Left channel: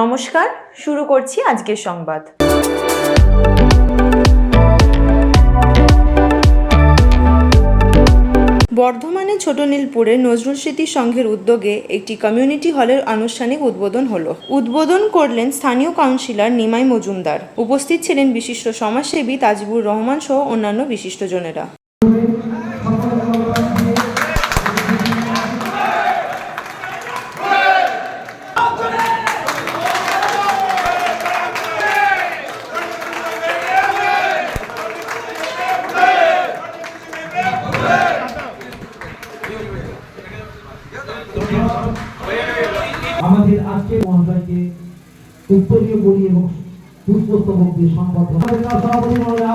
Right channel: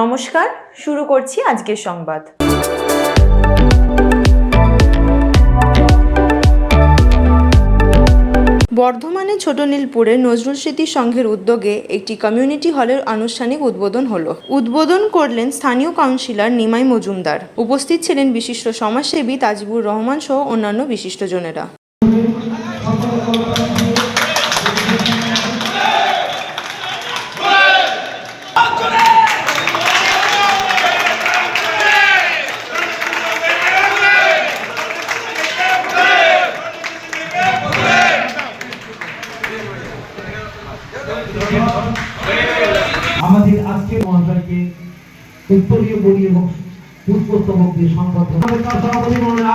নমস্কার, শুরু করছি আজকের সংবাদ। বর্ধমানে ছোট নীলপুরে নজরুল স্মৃতি সংঘের উদ্যোগে একটি কমিউনিটি হলের আনুষ্ঠানিক উদ্বোধন হল। উদ্বোধন করলেন স্থানীয় কাউন্সিলর নিমাই মজুমদার। উপস্থিত ছিলেন বিশিষ্ট সমাজসেবী তাজিবুর রহমান সহ অন্যান্য বিশিষ্টজনেরা মহাশয়কে উত্তরীয় বলি এবং পুষ্পস্তবক দিয়ে সংবাদ সভাপতি মহোদয়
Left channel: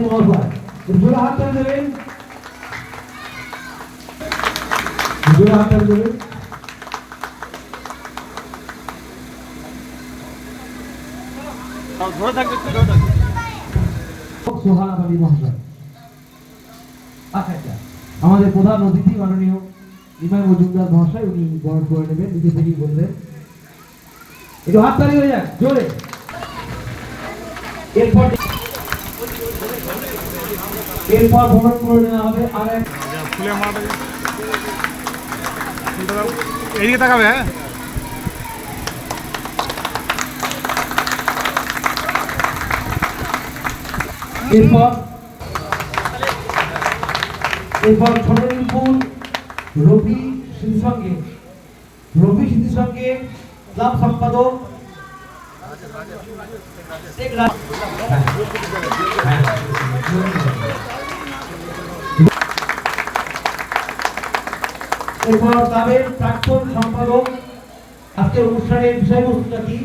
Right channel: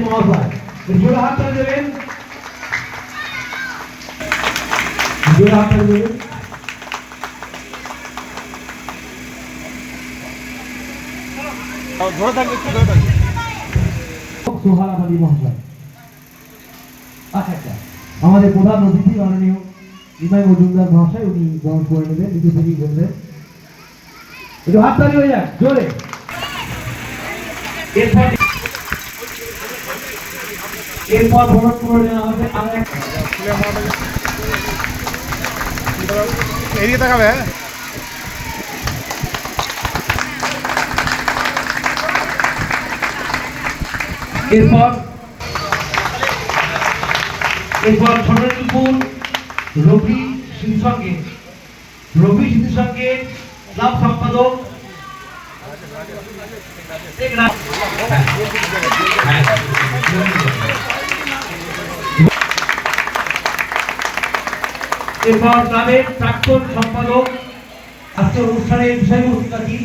মহাশয়। হাত দেবেন। হাত দেবেন। আচ্ছা আচ্ছা। আমাদের প্রধান অতিথি মাননীয় নিমাই মজুমদার মহাশয়, উনি বরণ করে নেবেন। নিজে থেকেই বলবেন। একটু হাততালি হয়ে যাক জোরে। এরপর এরপর বরণ করবেন আমাদের এদিকে তাকাবে? এরপর এরপর ছোটনীলপুর রবি সিং সঙ্গে রবি সিং সঙ্গে ক্লাব সম্পাদক। এরপর ক্লাবের প্রাক্তন সম্পাদক আজকে অনুষ্ঠানের বিষয়বস্তুটা কি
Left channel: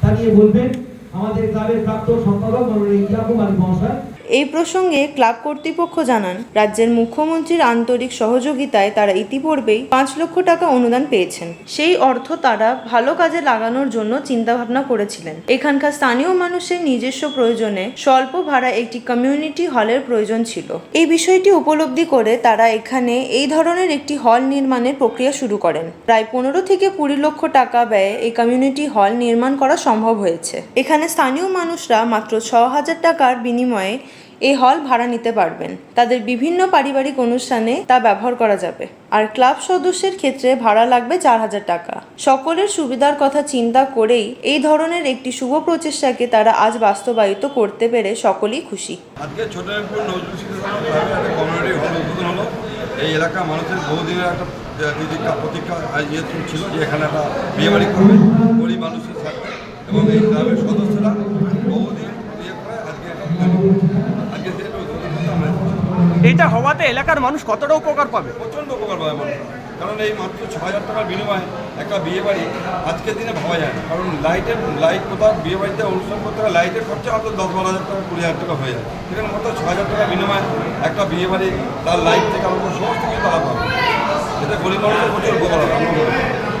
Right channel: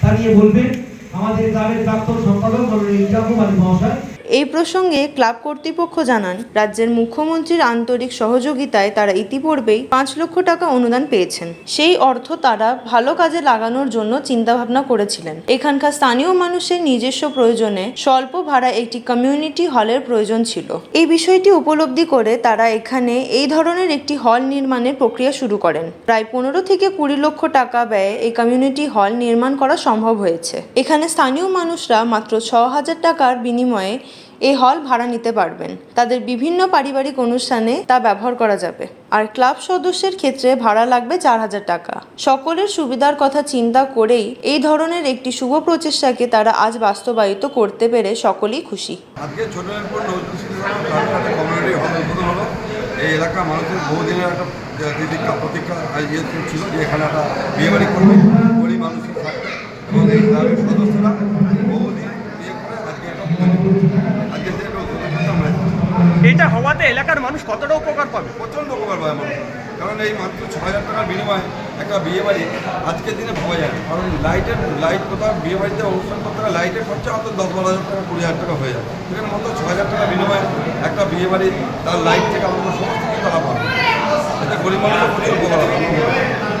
তা নিয়ে বলবেন আমাদের ক্লাবের প্রাক্তন সম্পাদক ইয়াকুব মহাশয়। এই প্রসঙ্গে ক্লাব কর্তৃপক্ষ জানান, রাজ্যের মুখ্যমন্ত্রীর আন্তরিক সহযোগিতায় তারা ইতিপূর্বেই পাঁচ লক্ষ টাকা অনুদান পেয়েছেন। সেই অর্থ তারা ভালো কাজে লাগানোর জন্য চিন্তাভাবনা করেছিলেন। এখানকার স্থানীয় মানুষের নিজস্ব প্রয়োজনে স্বল্প ভাড়া একটি কমিউনিটি হলের প্রয়োজন ছিল। এই বিষয়টি উপলব্ধি করে তারা এখানে এই ধরনের একটি হল নির্মাণের প্রক্রিয়া শুরু করেন। প্রায় পনেরো থেকে কুড়ি লক্ষ টাকা ব্যয়ে এই কমিউনিটি হল নির্মাণ করা সম্ভব হয়েছে। এখানে স্থানীয় মানুষরা মাত্র ছ হাজার টাকার বিনিময়ে এই হল ভাড়া নিতে পারবেন। তাদের বিভিন্ন পারিবারিক অনুষ্ঠানে তা ব্যবহার করা যাবে। আর ক্লাব সদস্যের ক্ষেত্রে ভাড়া লাগবে চার হাজার টাকা। সকলের সুবিধার কথা চিন্তা করেই এই ধরনের একটি শুভ প্রচেষ্টাকে তারা আজ বাস্তবায়িত করতে পেরে সকলেই খুশি। আজকে কমিউনিটি হল উদ্বোধন হলো। এই এলাকার মানুষের বহুদিনের একটা আহ, তিতিক্ষা প্রতীক্ষা ইয়ে ছিল যে এখানে একটা করবে। গরিব মানুষের স্বার্থে। এবং এই ক্লাবের সদস্যরা বহুদিন ইয়ে করে আজকে এটা উদ্বোধন করছে। আজকে যে এটা উদ্বোধন করতে আমরা এসেছি। এইটা হওয়াতে এলাকার মানুষ কতটা উপকার পাবে? প্রচণ্ড উপকার পাবে কারণ এই মাত্র ছ হাজার টাকার বিনিময়ে একটা বিয়ে বাড়ি আজকের দিনে ভাবা যায় না। কারণ লাইটের, লাইট কোথাও বিয়ে বাড়িতে অনুষ্ঠান করতে গেলে লাইটের খরচা হয়তো দশ বারো হাজার টাকা, কুড়ি হাজার টাকা হয়ে যায়। সেখানে মাত্র ছ হাজার টাকার বিনিময়ে একটা বিয়ে বাড়ি তার লাইট থেকে আমাদের সমস্ত কিছু তারা পাবে এতে গরিব মানুষের প্রচুর উপকার হবে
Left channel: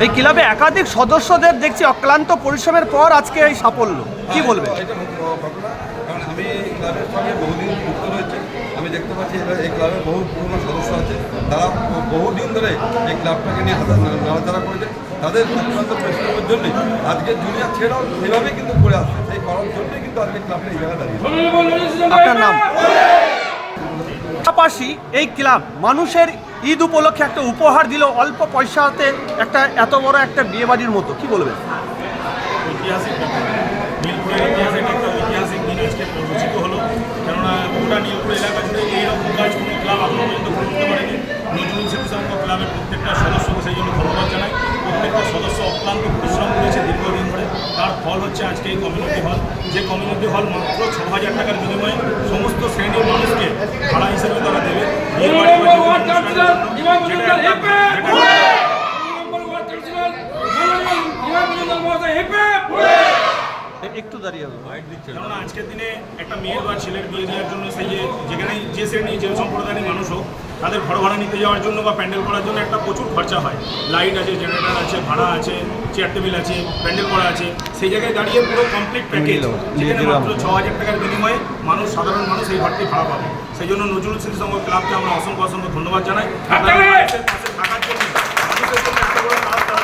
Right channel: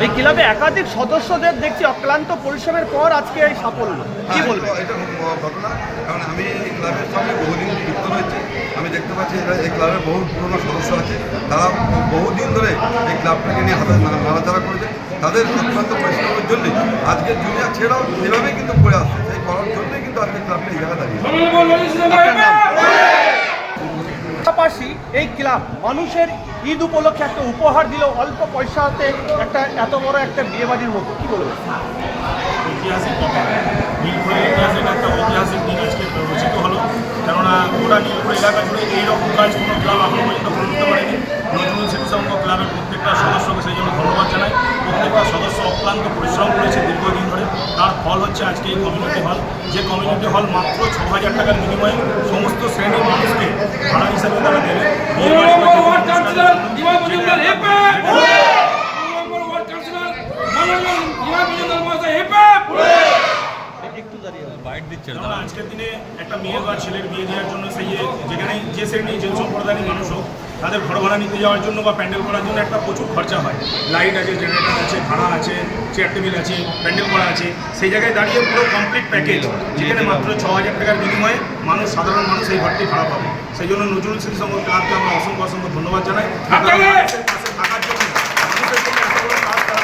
এই ক্লাবে একাধিক সদস্যদের দেখছি অক্লান্ত পরিশ্রমের পর আজকে এই সাফল্য। কি হ্যাঁ, বলব এটা- ঘটনা কারণ আমি এই ক্লাবের সঙ্গে বহুদিন যুক্ত রয়েছে। আমি দেখতে পাচ্ছি এটা এই ক্লাবের বহু পুরনো সদস্য আছে। তারা বহুদিন ধরে এই ক্লাবটাকে নিয়ে হাতে না- নাড়াচাড়া করেছে। তাদের অত্যন্ত পরিশ্রমের জন্যে আজকে দুনিয়া ছেড়াও সেভাবেই কিন্তু পড়ে আসছে। সেই করার জন্যই কিন্তু আজকে ক্লাবটা এই জায়গায় দাঁড়িয়ে আপনার নাম? পাশাপাশি এই ক্লাব মানুষের ঈদ উপলক্ষে একটা উপহার দিল অল্প পয়সাতে একটা এত বড় একটা বিয়ে বাড়ির মতো। কি বলবেন? ঐতিহাসিক ব্যাপার। ঐতিহাসিক রচিত হলো। কেননা গোটা এলাকা কাজ কোনো ক্লাব পারেনি। নজরুল ক্লাবের প্রত্যেকটা সদস্যকে সেই জন্য ধন্যবাদ জানাই। প্রত্যেকটা সদস্য অক্লান্ত পরিশ্রম তার ফল হচ্ছে আজকে এই কমিউনিটি হল যে কমিউনিটি হল মাত্র ছ হাজার টাকার বিনিময়ে সমস্ত শ্রেণির মানুষকে ভাড়া হিসেবে তারা দেবে। একটা- দাঁড়িয়ে আজকের দিনে একটা মেয়ের বা ছেলের বিয়ে দেওয়ার জন্য সেই যে যেখানেই যে শ্রেণি যে সম্প্রদায়ের মানুষ হোক তাদের ঘর ভাড়া নিতে যাওয়ার জন্য বা প্যান্ডেল করার জন্য একটা প্রচুর খরচা হয়। লাইট আছে জেনারেটর আছে ভাড়া আছে চেয়ার টেবিল আছে প্যান্ডেল করা আছে। সেই জায়গায় দাঁড়িয়ে পুরো কমপ্লিট প্যাকেজ যেখানে মাত্র ছ হাজার টাকার বিনিময়ে মানুষ সাধারণ মানুষ এই ঘরটি ভাড়া পাবে। সেই জন্য নজরুল স্মৃতি সংঘ ক্লাবকে আমরা অসংখ্য অসংখ্য ধন্যবাদ জানাই। পাশে থাকার জন্য মানুষের জন্য এত বড় কাজ তারা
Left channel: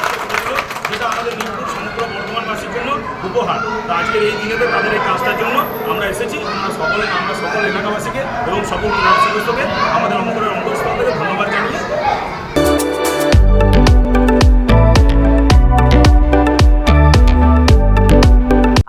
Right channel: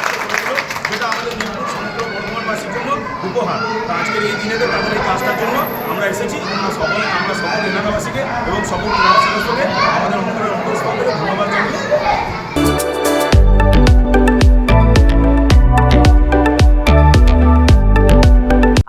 যেটা আমাদের নীলপুর সমগ্র বর্ধমানবাসীর জন্য উপহার। তো আজকের এই দিনেতে তাদের এই কাজটার জন্য আমরা এসেছি। আমরা সকলে আমরা সকল এলাকাবাসীকে এবং সকল সদস্যকে আমাদের অন্তরের